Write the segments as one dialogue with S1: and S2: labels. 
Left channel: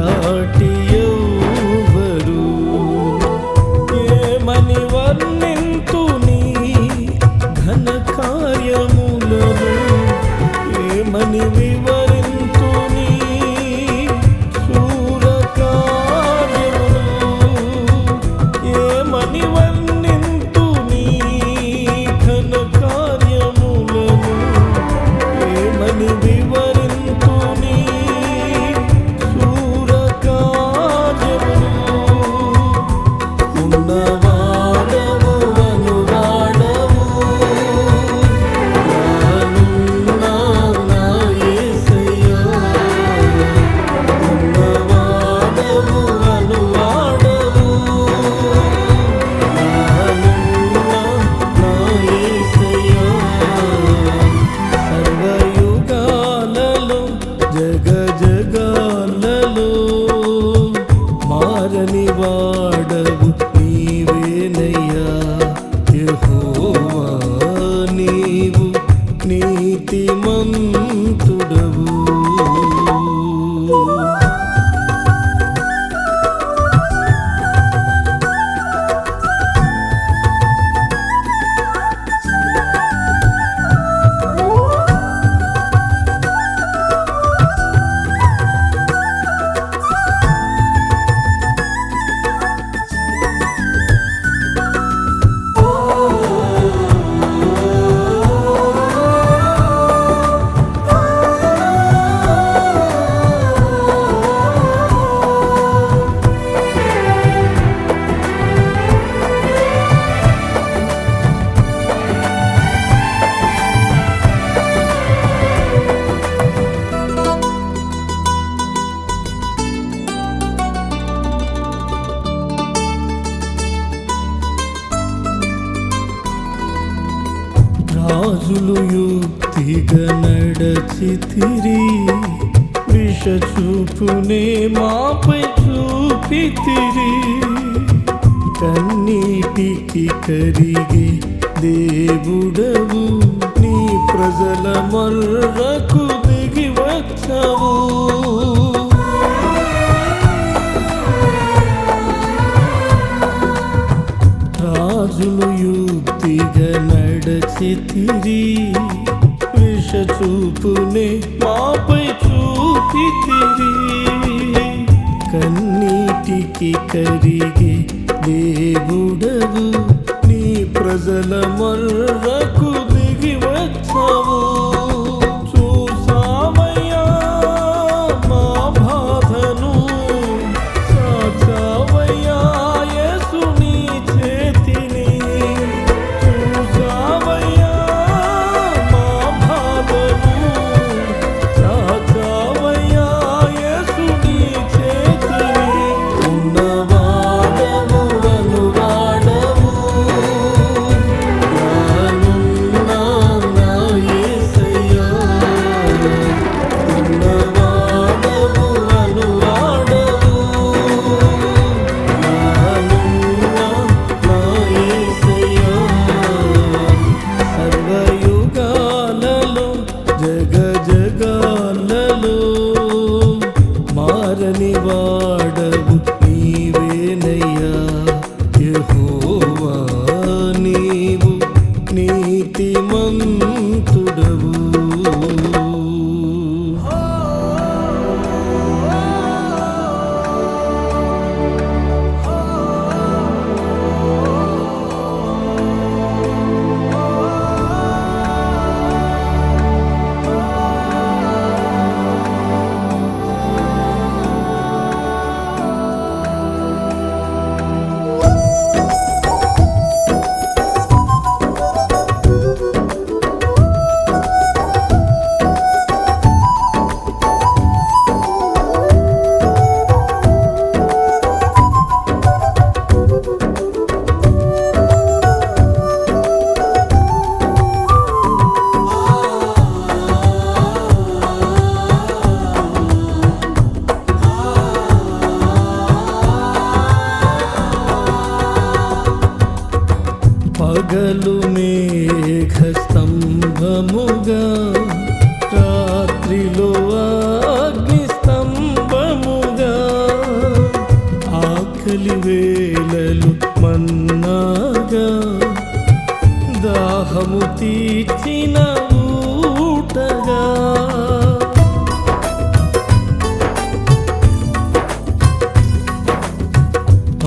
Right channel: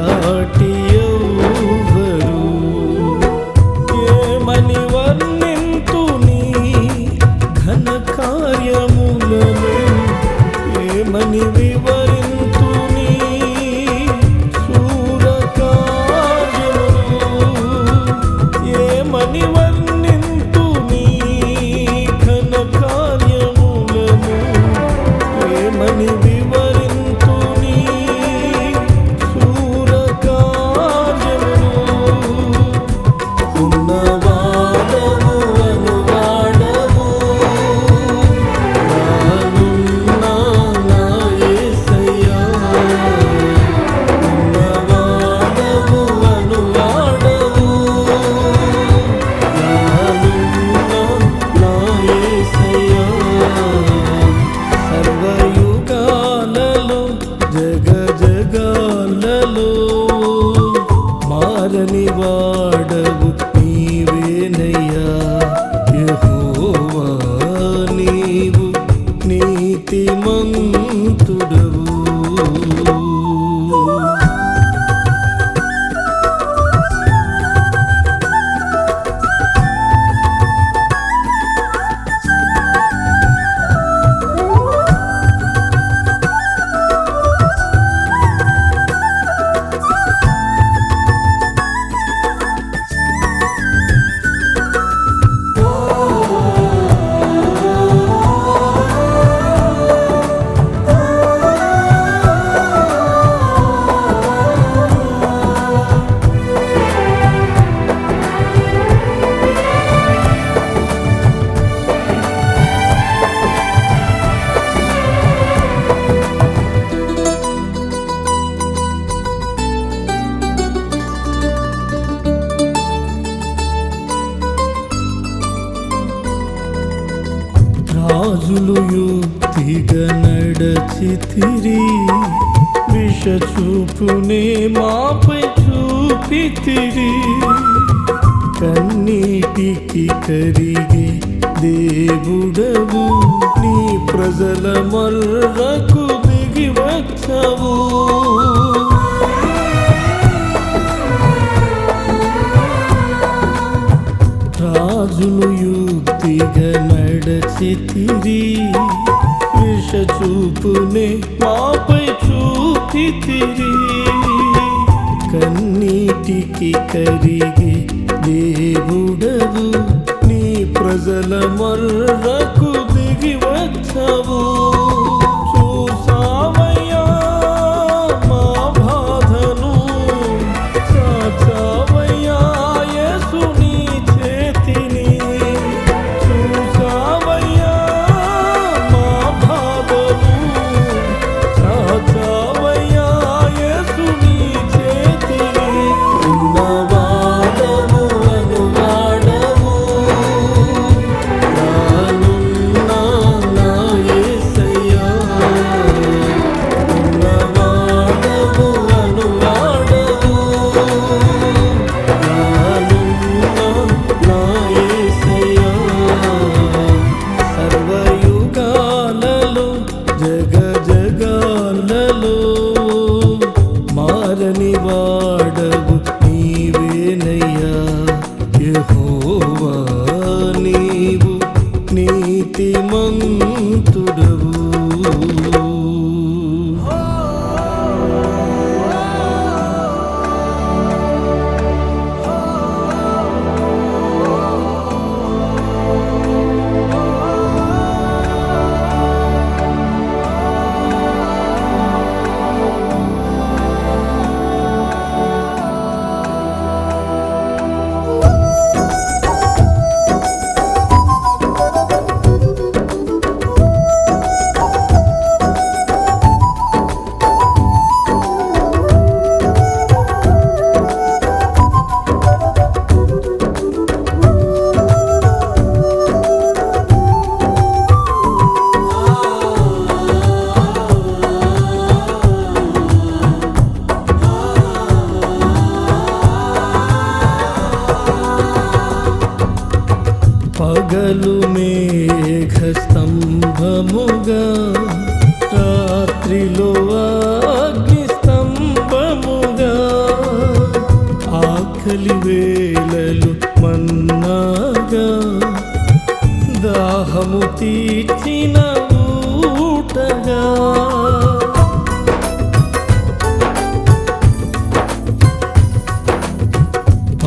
S1: సాటి ఎవరు ఏమని వర్ణింతు ఘన కార్యములను ఏమని జగ జగాలలో మారని వాడవు నీవేనయ్యా యహోవా. యుక్తిగా నడచితిరి విష చూపునే మాపై చూపితిరి కన్నీటికి కరిగే దేవుడవు. నీ ప్రజల మర్రకు దిగి వచ్చావు. రాజులు యుక్తిగా నడచితిరి విష చూపునే మాపై చూపితిరి కన్నీటికి కరిగి దేవుడవు నీ ప్రజల మర్రకు దిగి వచ్చావు. నీతిమంతుడవు. పగలు మేఘ స్తంభముగా రాత్రిలో అగ్ని స్తంభముగా ఆకలి వేళలు మన్నాగా దాహము తీర్చిన ఊటగా.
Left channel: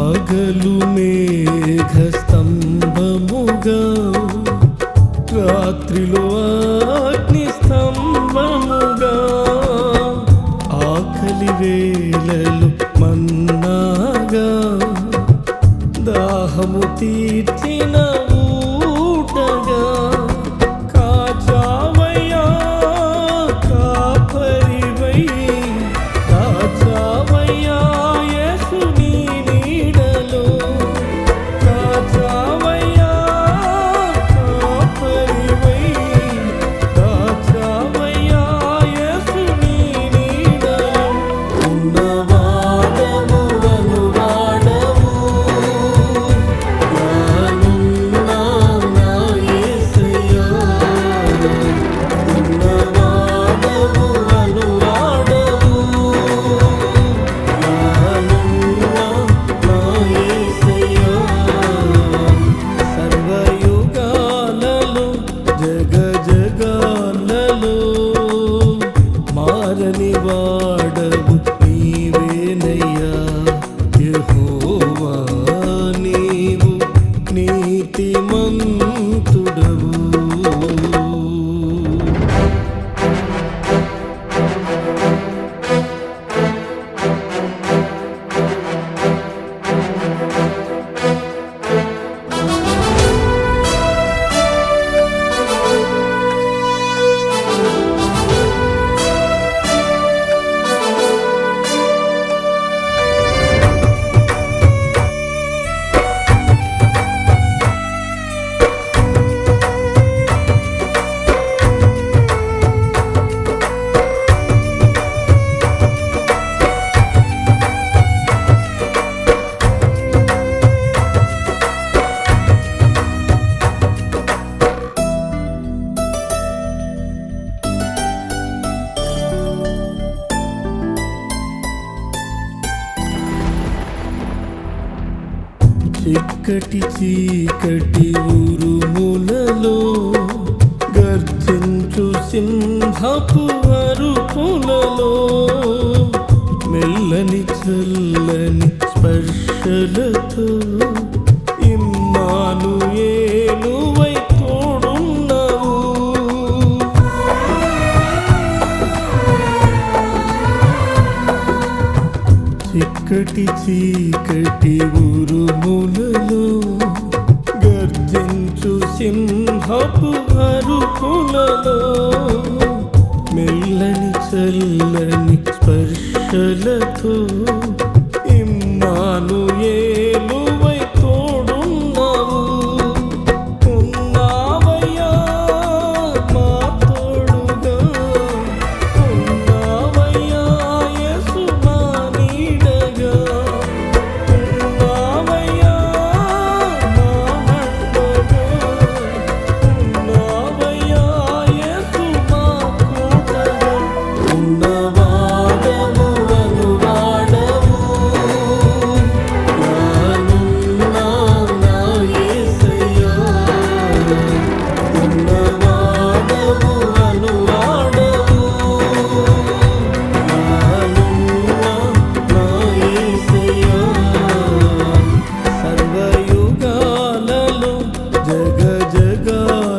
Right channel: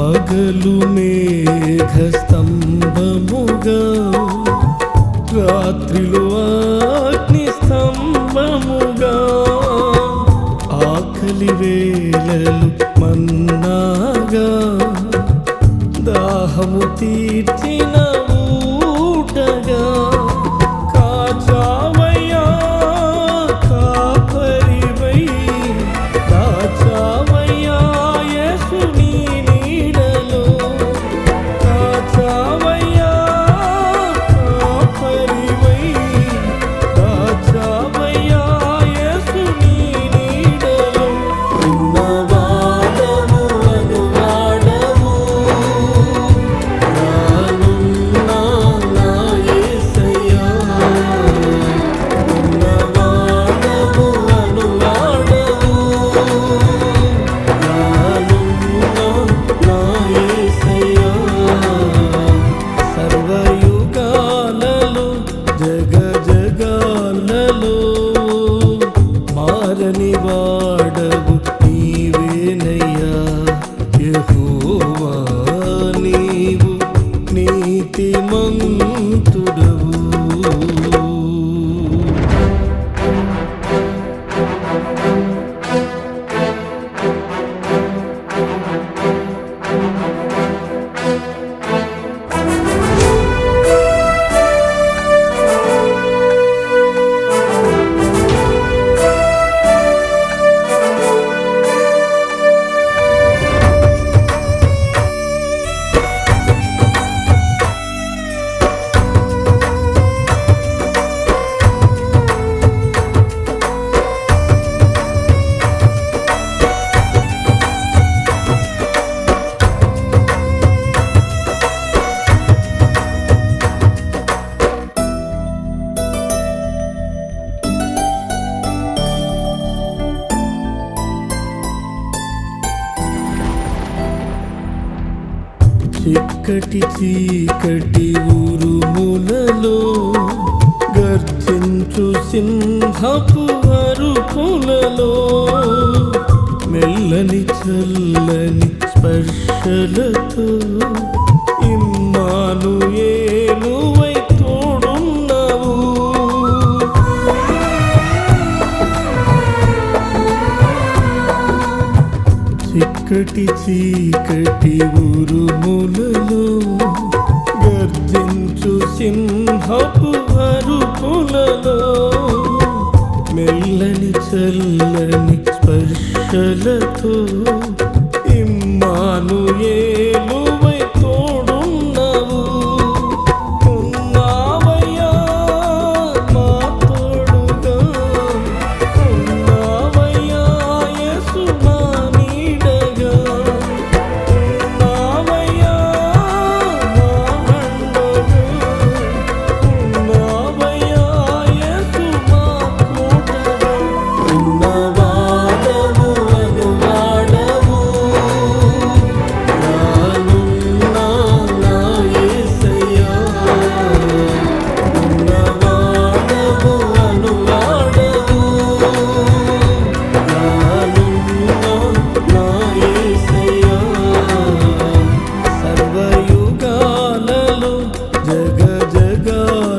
S1: పగలు మేఘ స్తంభముగా రాత్రిలో అగ్ని స్తంభముగా ఆకలి వేళలు మన్నాగా దాహము తీర్చిన ఊటగా. కాచావయ్యా కాపరివై దాచావయ్యా చీకటి చీకటి ఉరుములలో గర్జించు సింహపు అరుపులలో మెల్లని చల్లని స్పర్శలతో ఇమ్మాను ఏలువై చీకటి చీకటి ఉరుములలో గర్జించు సింహపు అరుపులలో మెల్లని చల్లని స్పర్శలతో ఇమ్మాను ఏలువ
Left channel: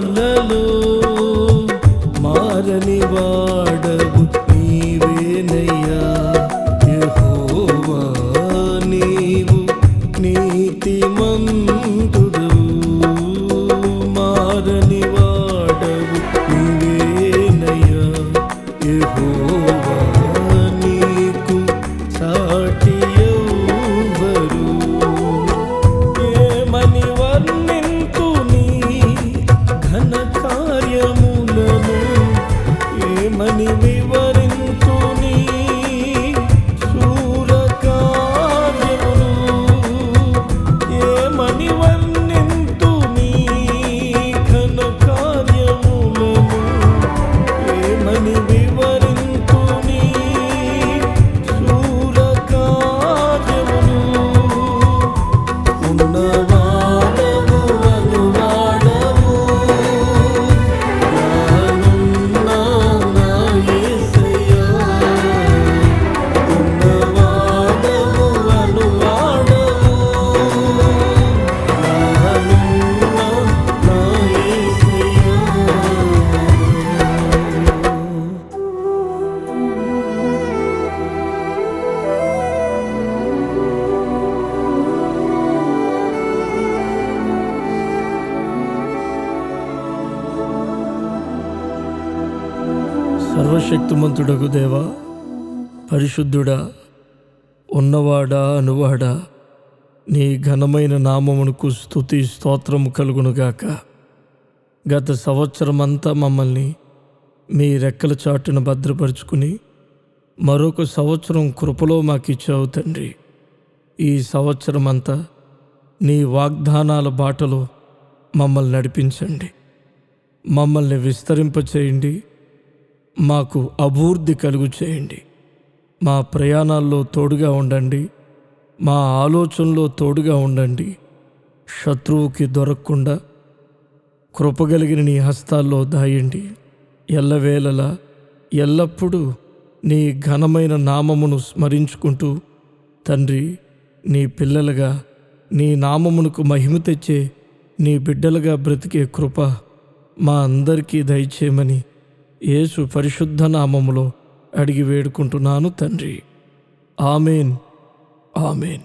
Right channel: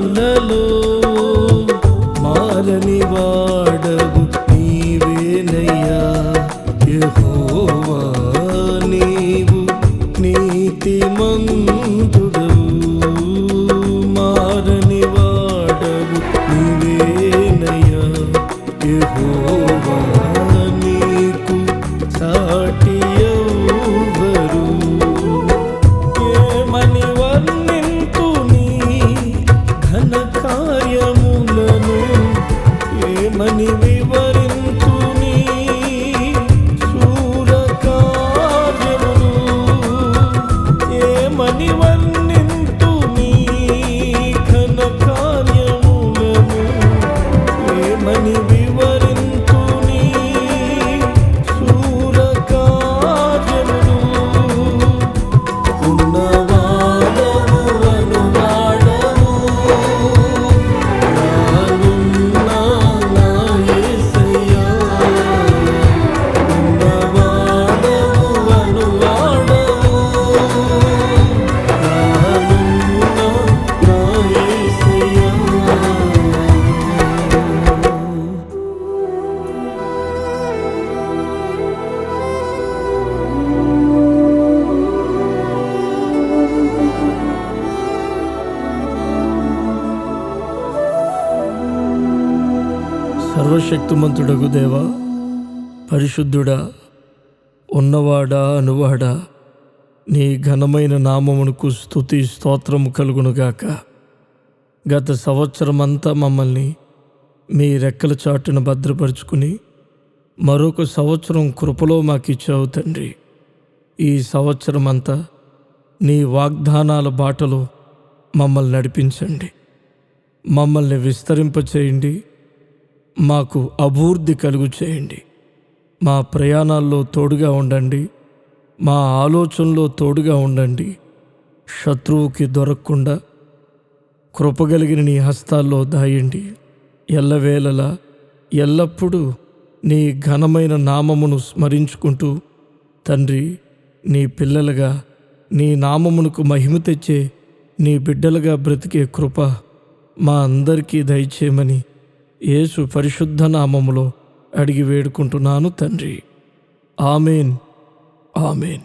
S1: జగాలలో మారని వాడవు నీవేనయ్యా. యహోవా నీవు నీతి నీతిమంతుడవు మారని వాడవు నీవేనయ్యా. యహోవా నీకు సాటి ఎవ్వరు. ఏమని వర్ణింతు నీ ఘన కార్యములను ఏమని వివరించుని సూర కార్యములు ఏమని వర్ణింతుని? ఘన కార్యములను ఏమని వివరించుని సూర కార్యములు ఉన్నవా సర్వశక్తిమంతుడగు దేవా పరిశుద్ధుడా ఉన్నవాడా అనువాడా నీ ఘనమైన నామమునకు స్తుతి స్తోత్రము కలుగునుగాక గత సంవత్సరమంతా మమ్మల్ని మీ రెక్కల చాటును భద్రపరుచుకుని మరొక సంవత్సరం కృపలో మాకిచ్చావు తండ్రి. ఈ సంవత్సరం అంతా నీ వాగ్దానాల బాటలో మమ్మల్ని నడిపించండి. మమ్మల్ని విస్తరింపచేయండి. మాకు అభివృద్ధి కలుగు చేయండి. మా ప్రయాణాల్లో తోడుగా ఉండండి. మా ఆలోచనలో తోడుగా ఉండండి. శత్రువుకి దొరకకుండా కృపగలిగిన నీ హస్తాల్లో దాయండి. ఎల్లవేళలా ఎల్లప్పుడూ నీ ఘనమైన నామమును స్మరించుకుంటూ తండ్రి నీ పిల్లలుగా నీ నామమునకు మహిమ తెచ్చే నీ బిడ్డలుగా బ్రతికే కృప మా అందరికీ దయచేయమని యేసు పరిశుద్ధ నామములో అడిగి వేడుకుంటున్నాను తండ్రి. ఆమెన్. ఆమెన్.